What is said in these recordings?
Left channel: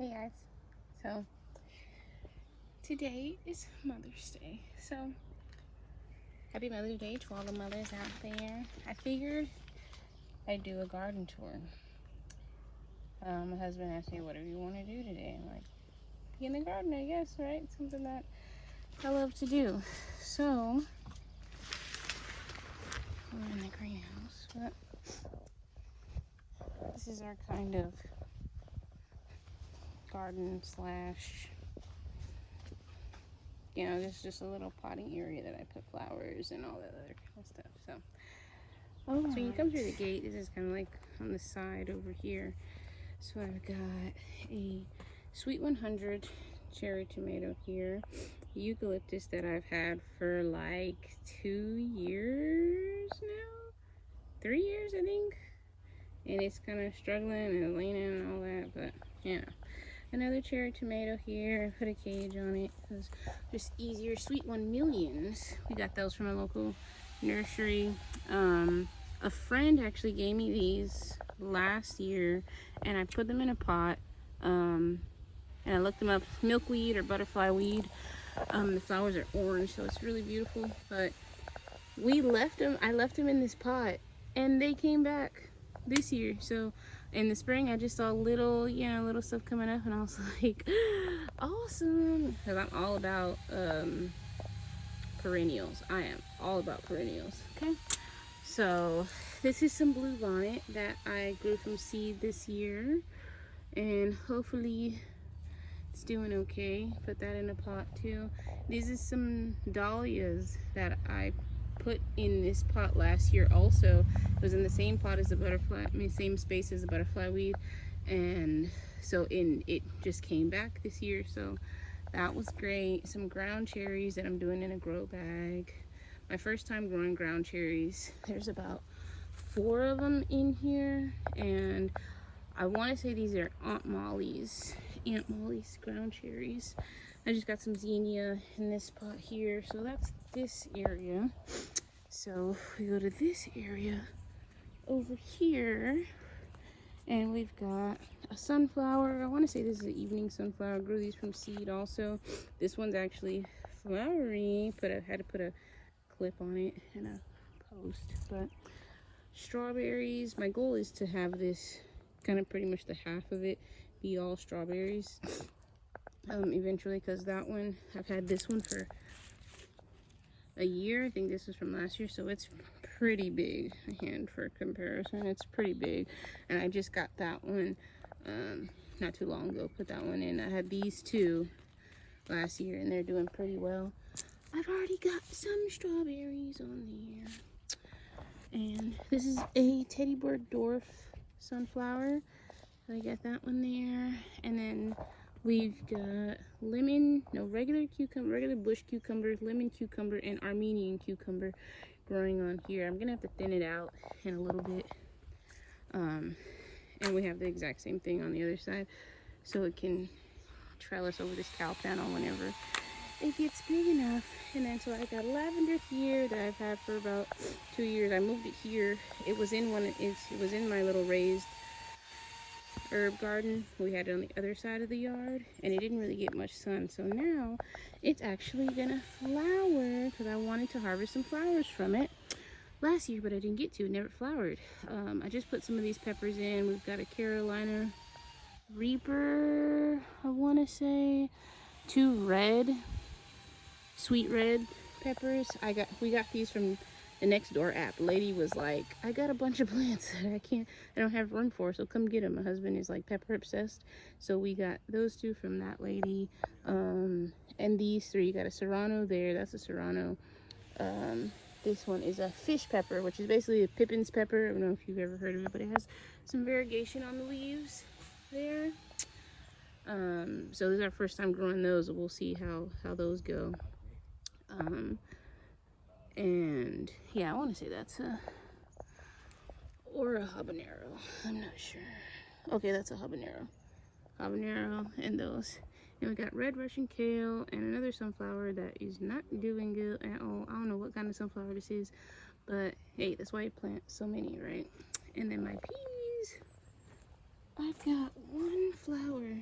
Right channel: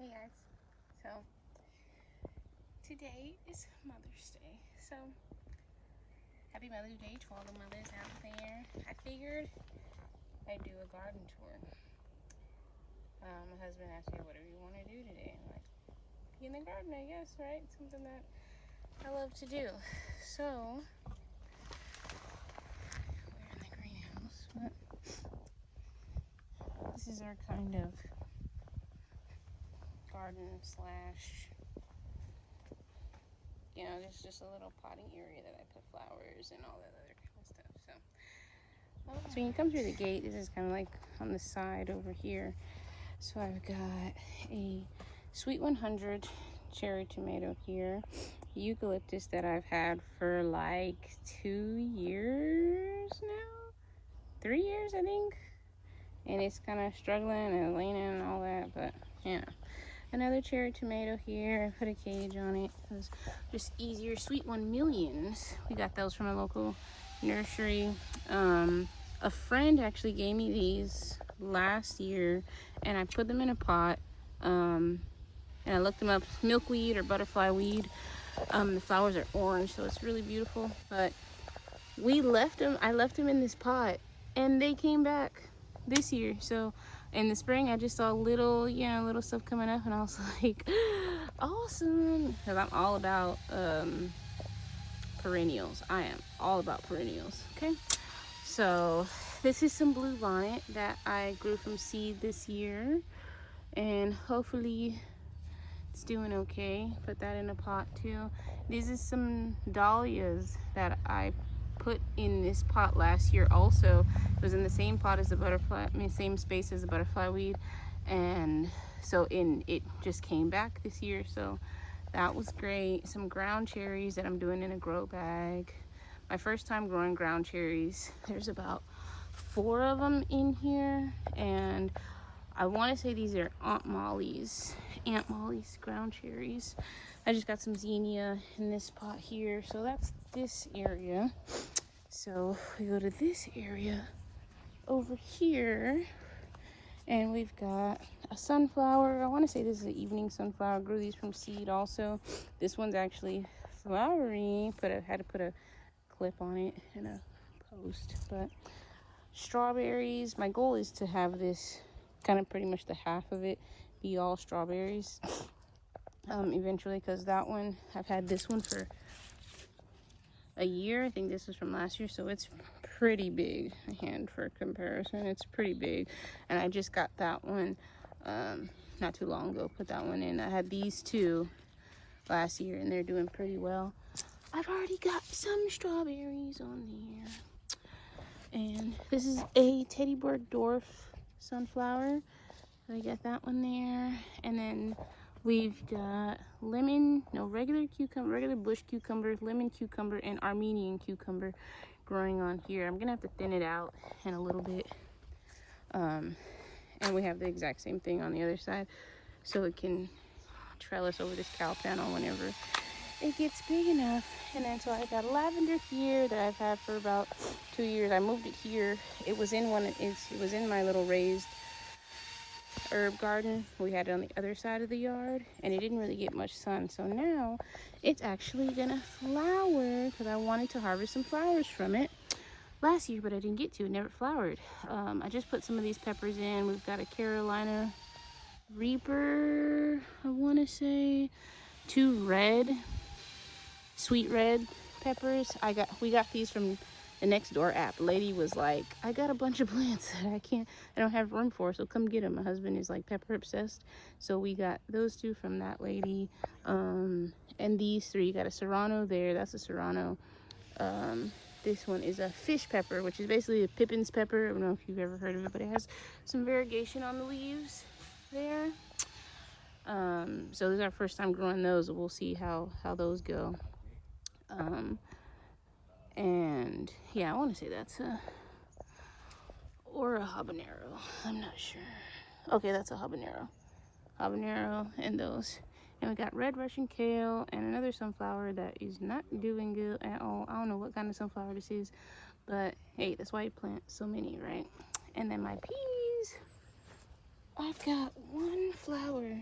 Hey guys, so today is Mother's Day, so happy Mother's Day to all the mothers out there. I figured I'd do a garden tour. My husband asked me, what do you want to do today? I'm like, be in the garden, I guess, right? Something that I love to do. So, we're in the greenhouse, but this is our kind of garden slash, you know, this is just a little potting area that I put flowers and all that other kind of stuff. So when you come through the gate, this is kind of like on the side over here. So I've got a Sweet 100 cherry tomato here, eucalyptus that I've had for like 2 years now, 3 years I think, and it's kind of struggling and leaning and all that, but you know. Another cherry tomato here. I put a cage on it because just easier. Sweet 1 millions. We got those from a local nursery. A friend actually gave me these last year, and I put them in a pot. And I looked them up. Milkweed or butterfly weed. The flowers are orange, so it's really beautiful. But we left them. I left them in this pot, and they came back this year. So in the spring I just saw little stuff coming up, and I was like, awesome, because I'm all about perennials. I am all about perennials. Okay, so this is some blue bonnet that I grew from seed this year, and hopefully it's doing okay. Put that in a pot too. These are some dahlias that I put in this pot last year also. It was in the same pot as the butterfly, same space as the butterfly weed, and so it just came back this year, so that was great. Some ground cherries that I'm doing in a grow bag. My first time growing ground cherries. There's about 4 of them in here, and I want to say these are Aunt Molly's ground cherries. I just got some zinnia in this pot here, so that's this area. So we go to this area over here, and we've got a sunflower. I want to say this is an evening sunflower. I grew these from seed also. This one's actually flowery, but I had to put a clip on it and a post. But strawberries, my goal is to have this kind of pretty much the half of it be all strawberries eventually, because that one, I've had this one for a year. I think this is from last year, so it's pretty big. A hand for comparison, it's pretty big, and I just got that one not too long ago. Put that one in. I had these 2 last year, and they're doing pretty well. I've already got some strawberries on there, and this is a teddy bear dwarf sunflower. So I got that one there, and then we've got regular bush cucumber, lemon cucumber, and Armenian cucumber growing on here. I'm gonna have to thin it out in a little bit. And we have the exact same thing on the other side, so it can trellis over this cow panel whenever it gets big enough. And then so I got lavender here that I've had for about 2 years. I moved it here. It was in my little raised herb garden. We had it on the other side of the yard, and it didn't really get much sun, so now it's actually gonna flower, because I wanted to harvest some flowers from it last year, but I didn't get to. It never flowered. I just put some of these peppers in. We've got a Carolina Reaper, I want to say, 2 sweet red peppers. We got these from the next door app. Lady was like, I got a bunch of plants that I don't have room for, so come get them. My husband is like pepper obsessed, so we got those 2 from that lady. And these 3, you got a serrano there. That's a serrano. This one is a fish pepper, which is basically a Pippin's pepper. I don't know if you've ever heard of it, but it has some variegation on the leaves there. So this is our first time growing those. We'll see how those go. And yeah, I want to say that's or a habanero. I'm not sure. Okay, that's a habanero and those. And we got red Russian kale and another sunflower that is not doing good at all. I don't know what kind of sunflower this is, but hey, that's why you plant so many, right? And then my peas, I've got 1 flower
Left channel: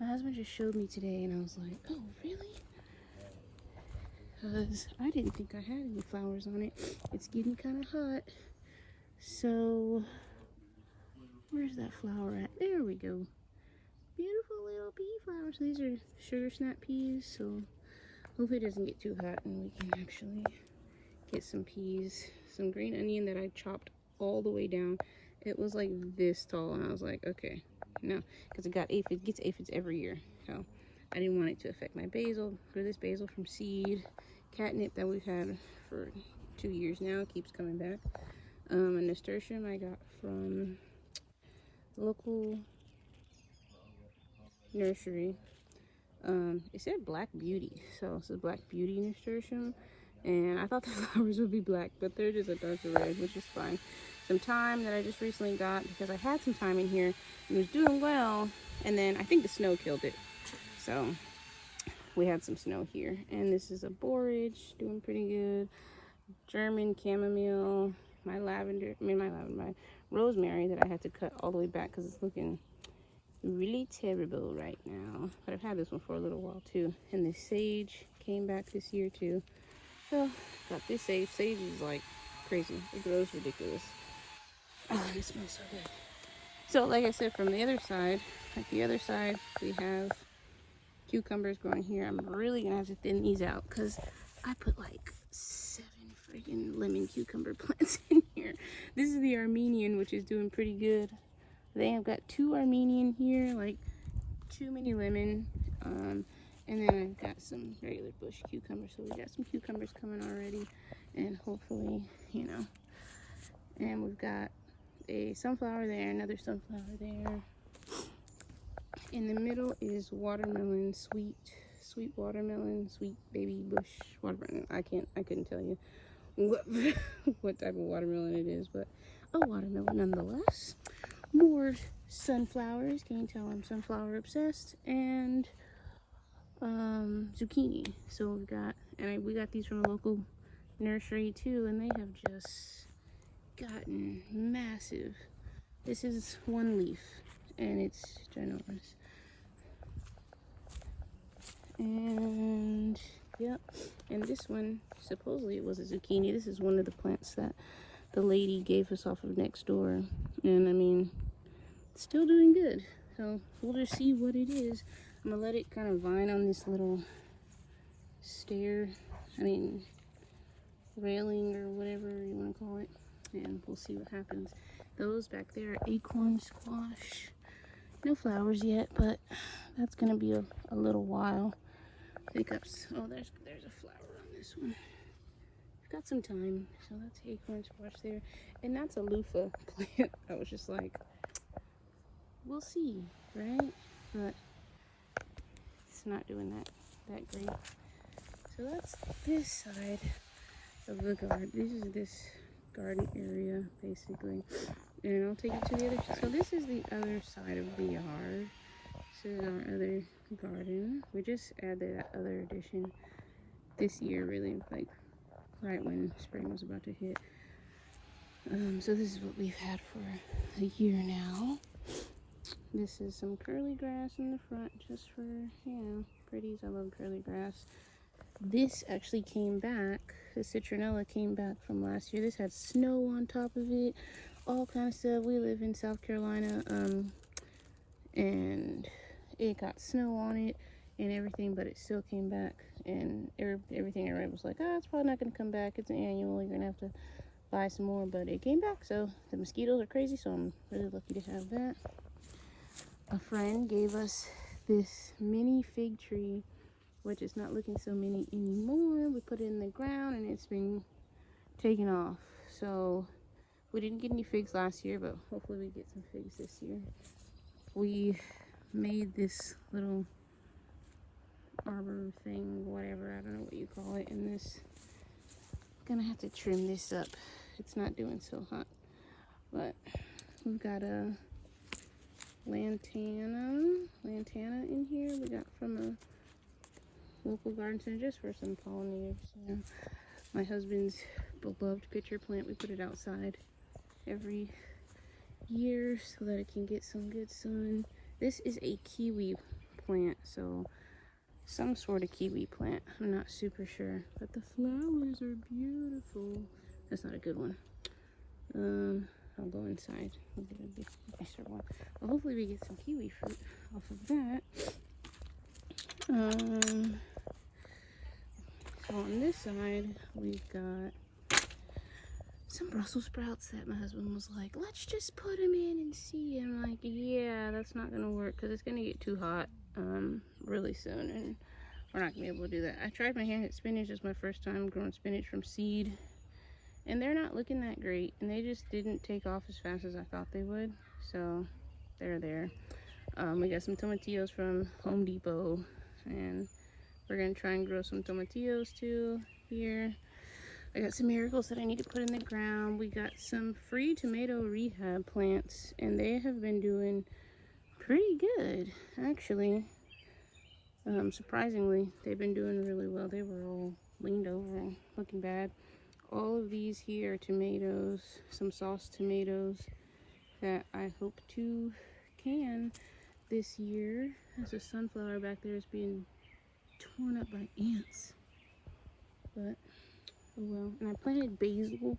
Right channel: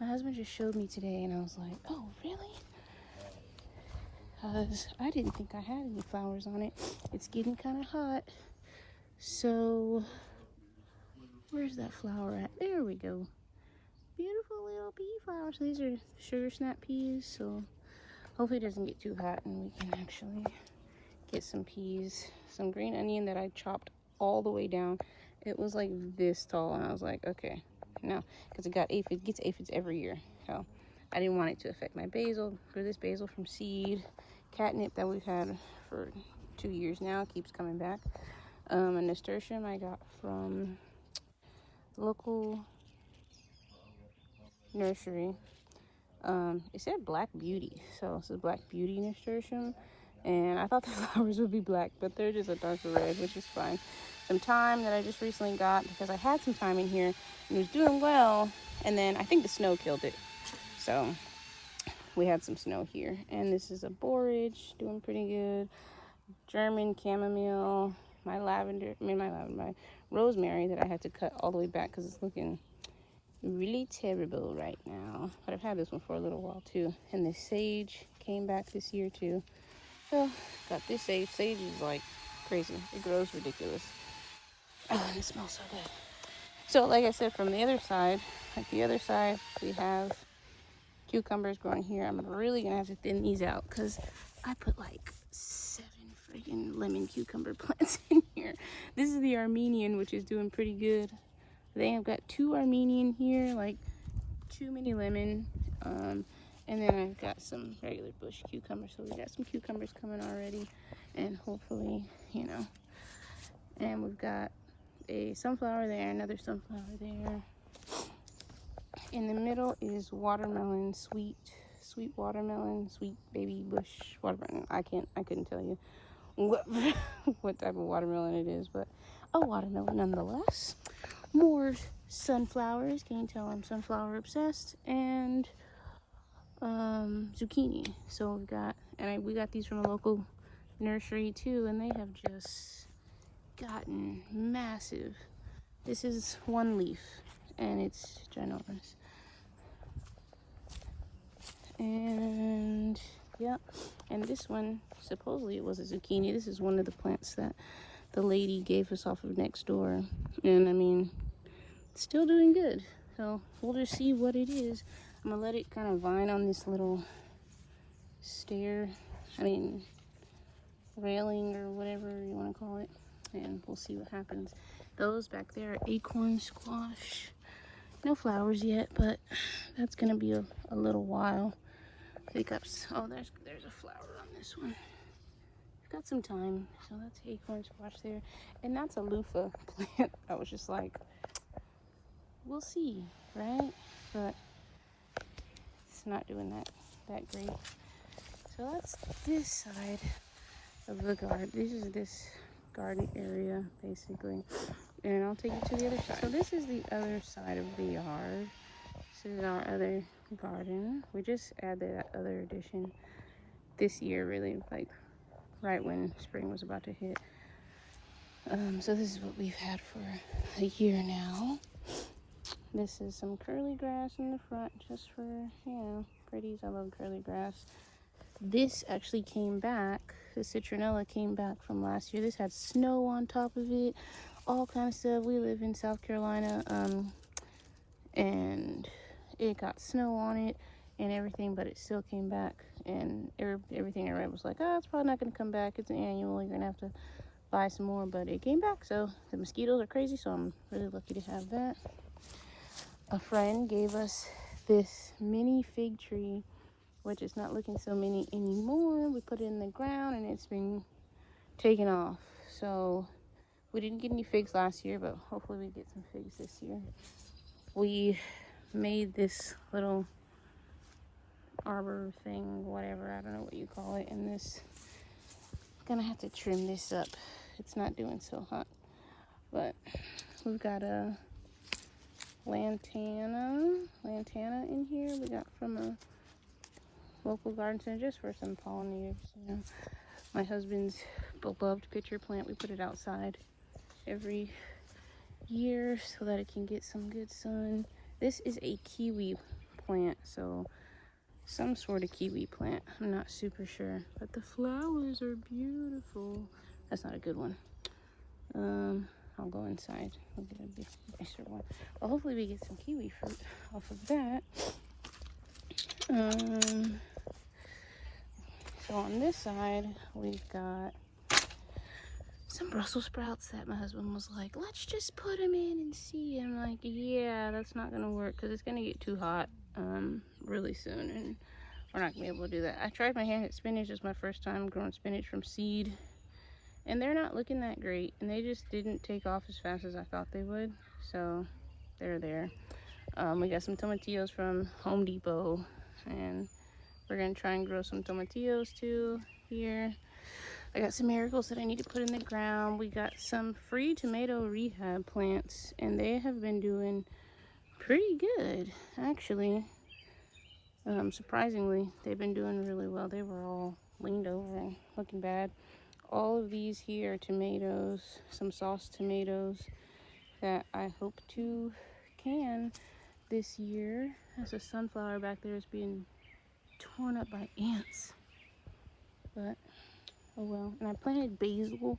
My husband just showed me today and I was like, oh, really? Because I didn't think I had any flowers on it. It's getting kind of hot. So, where's that flower at? There we go. Beautiful little pea flowers. So these are sugar snap peas. So, hopefully it doesn't get too hot and we can actually get some peas. Some green onion that I chopped all the way down. It was like this tall and I was like, okay. No, because it gets aphids every year. So, I didn't want it to affect my basil. Grew this basil from seed. Catnip that we've had for 2 years now keeps coming back. A nasturtium I got from the local nursery. It said Black Beauty, so it says Black Beauty nasturtium, and I thought the flowers would be black, but they're just a darker red, which is fine. Some thyme that I just recently got because I had some thyme in here and it was doing well, and then I think the snow killed it. So we had some snow here, and this is a borage doing pretty good. German chamomile, my rosemary that I had to cut all the way back because it's looking really terrible right now. But I've had this one for a little while too. And the sage came back this year too. So got this sage. Sage is like crazy. It grows ridiculous. Oh, and it smells so good. So like I said, from the other side, we have cucumbers growing here. I'm really gonna have to thin these out because I put like 7 freaking lemon cucumber plants in here. This is the Armenian, which is doing pretty good. They have got 2 Armenian here, like too many lemon. And then I've got some regular bush cucumbers. So we got some cucumbers coming already, and hopefully, you know. And we've got a sunflower there, another sunflower there. In the middle is watermelon, sweet watermelon, sweet baby bush watermelon. I couldn't tell you what type of watermelon it is, but a watermelon nonetheless. More sunflowers. Can you tell I'm sunflower obsessed? And zucchini. So we got these from a local nursery too, and they have just gotten massive. This is one leaf, and it's ginormous. And yep, and this one, supposedly it was a zucchini. This is one of the plants that the lady gave us off of next door, and I mean, it's still doing good. So we'll just see what it is. I'm gonna let it kind of vine on this little railing or whatever you want to call it, and we'll see what happens. Those back there are Acorn Squash. No flowers yet, but that's gonna be a little while. Hiccups. Oh, there's a flower on this one. I've got some time. So that's Acorn Squash there, and that's a loofah plant. I was just like, we'll see, right? But it's not doing that great. So that's this side of the garden. This garden area basically, and I'll take you to the other side. So this is the other side of the yard. This is our other garden. We just added that other addition this year, really, like right when spring was about to hit. So this is what we've had for a year now. This is some curly grass in the front, just for, you know, pretties. I love curly grass. This actually came back. The citronella came back from last year. This had snow on top of it, all kind of stuff. We live in South Carolina, and it got snow on it and everything, but it still came back. And everything I read was like, it's probably not going to come back. It's an annual. You're going to have to buy some more, but it came back. So the mosquitoes are crazy, so I'm really lucky to have that. A friend gave us this mini fig tree, which is not looking so mini anymore. We put it in the ground and it's been taken off. So we didn't get any figs last year, but hopefully we get some figs this year. We made this little arbor thing, whatever, I don't know what you call it, and this, gonna have to trim this up. It's not doing so hot, but we've got a lantana in here. We got from a local garden center just for some pollinators. You know, my husband's beloved pitcher plant. We put it outside every year so that it can get some good sun. This is a kiwi plant, so some sort of kiwi plant. I'm not super sure, but the flowers are beautiful. That's not a good one. I'll go inside. I'll get a bigger one. Well, hopefully we get some kiwi fruit off of that. So on this side, we've got some Brussels sprouts that my husband was like, let's just put them in and see. I'm like, yeah, that's not gonna work because it's gonna get too hot really soon, and we're not gonna be able to do that. I tried my hand at spinach. It's my first time growing spinach from seed, and they're not looking that great, and they just didn't take off as fast as I thought they would, so they're there. We got some tomatillos from Home Depot, and we're gonna try and grow some tomatillos too here. I got some marigolds that I need to put in the ground. We got some free tomato rehab plants, and they have been doing pretty good, actually. Surprisingly, they've been doing really well. They were all leaned over and looking bad. All of these here are tomatoes, some sauce tomatoes that I hope to can this year. There's a sunflower back there is being torn up by ants, but oh well. And I planted basil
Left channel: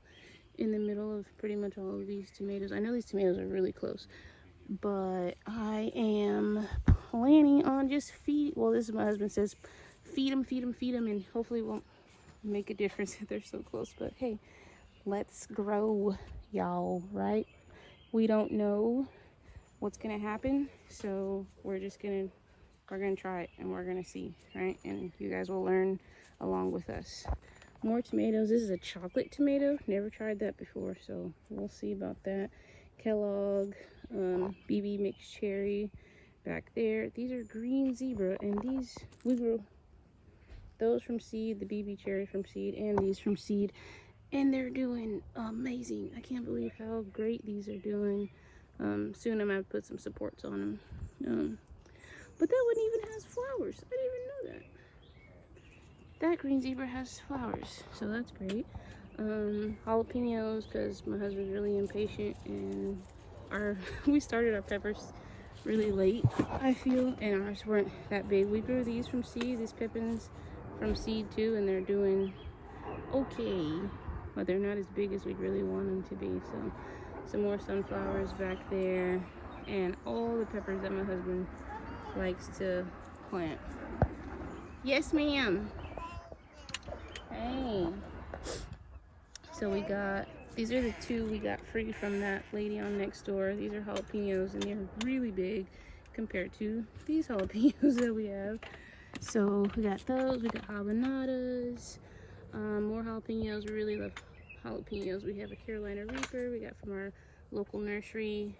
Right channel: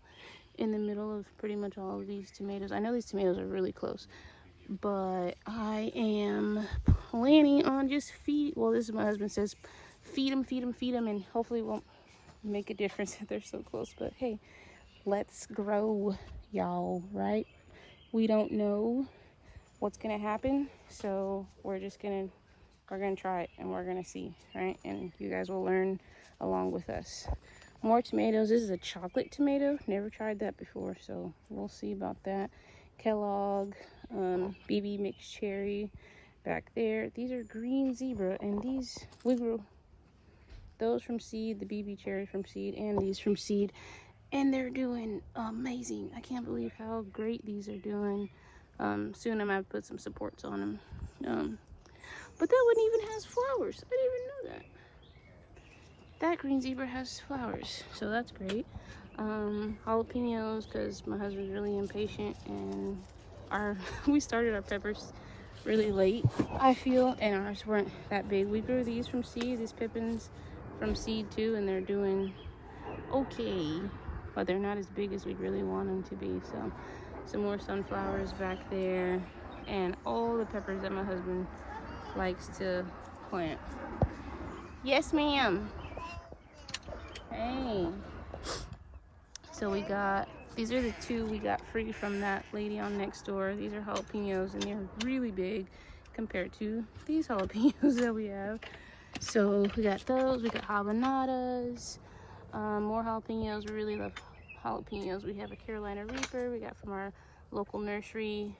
in the middle of pretty much all of these tomatoes. I know these tomatoes are really close, but I am planning on just well, this is what my husband says, feed them, and hopefully it won't make a difference if they're so close. But hey, let's grow, y'all, right? We don't know what's gonna happen, so we're gonna try it, and we're gonna see, right? And you guys will learn along with us. More tomatoes. This is a chocolate tomato. Never tried that before, so we'll see about that. Kellogg, BB mixed cherry back there. These are green zebra, and these we grew those from seed, the BB cherry from seed, and these from seed, and they're doing amazing. I can't believe how great these are doing. Soon I'm gonna put some supports on them. But that one even has flowers. I didn't even know that. That green zebra has flowers, so that's great. Jalapenos, because my husband's really impatient, and we started our peppers really late, I feel, and ours weren't that big. We grew these from seed, these pippins from seed too, and they're doing okay, but they're not as big as we really want them to be. So some more sunflowers back there, and all the peppers that my husband likes to plant. Yes, ma'am. Hey. So we got, these are the two we got free from that lady on next door. These are jalapenos, and they're really big compared to these jalapenos that we have. So we got those, we got habanadas, more jalapenos. We really love jalapenos. We have a Carolina Reaper we got from our local nursery.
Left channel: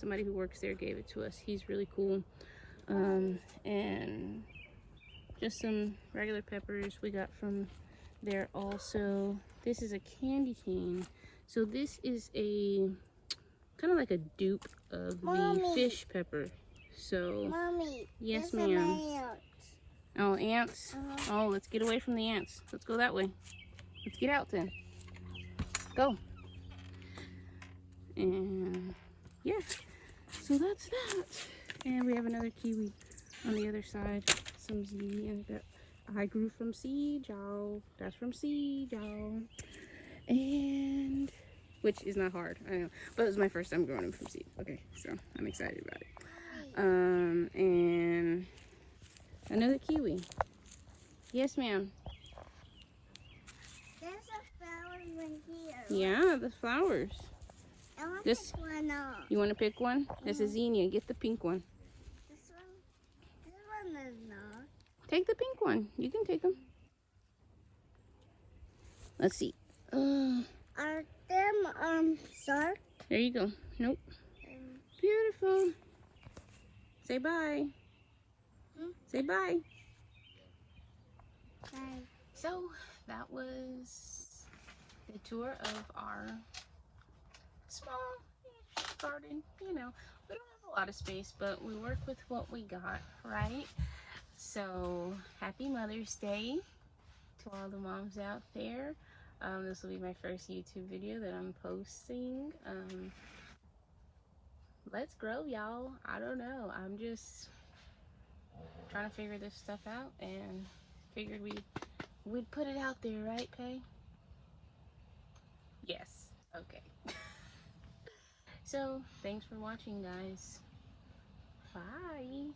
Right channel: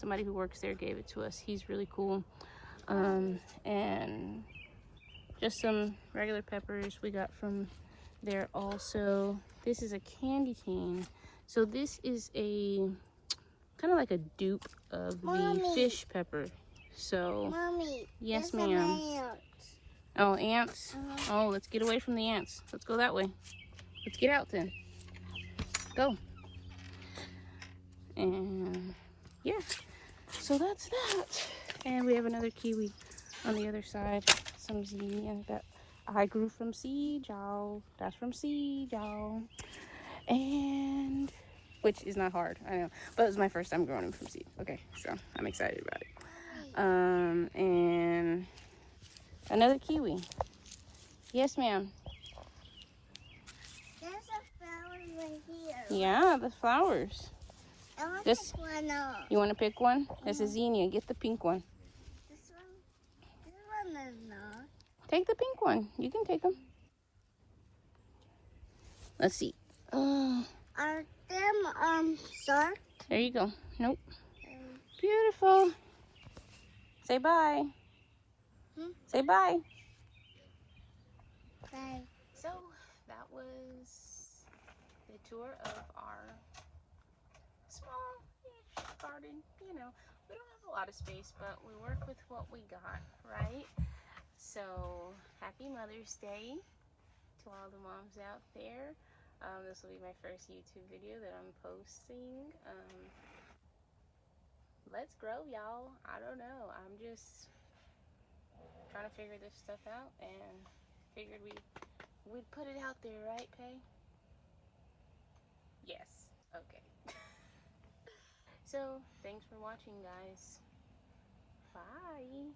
Somebody who works there gave it to us. He's really cool. And just some regular peppers we got from there also. This is a candy cane. So this is a kind of like a dupe of the fish pepper. So Mommy, yes, ma'am. Oh, ants. Oh, let's get away from the ants. Let's go that way. Let's get out then. Go. And yeah, so that's that. And we have another kiwi on the other side. Some zinnia that I grew from seed, y'all. That's from seed, y'all. And which is not hard, I know, but it was my first time growing them from seed. Okay, so I'm excited about it. And another kiwi. Yes, ma'am. There's a flower right here. Yeah, the flowers. I want to pick one up. You want to pick one? That's a zinnia. Get the pink one. This one is not. Take the pink one. You can take them. Let's see. Are them sharp? There you go. Nope. Beautiful. Say bye. Say bye. Bye. So that was the tour of our small garden. You know, we don't have a lot of space, but we work with what we got, right? So happy Mother's Day to all the moms out there. This will be my first YouTube video that I'm posting. Let's grow, y'all. I don't know. I'm just trying to figure this stuff out and figured we'd put it out there, right, Pay? Yes. Okay. So, thanks for watching, guys. Bye.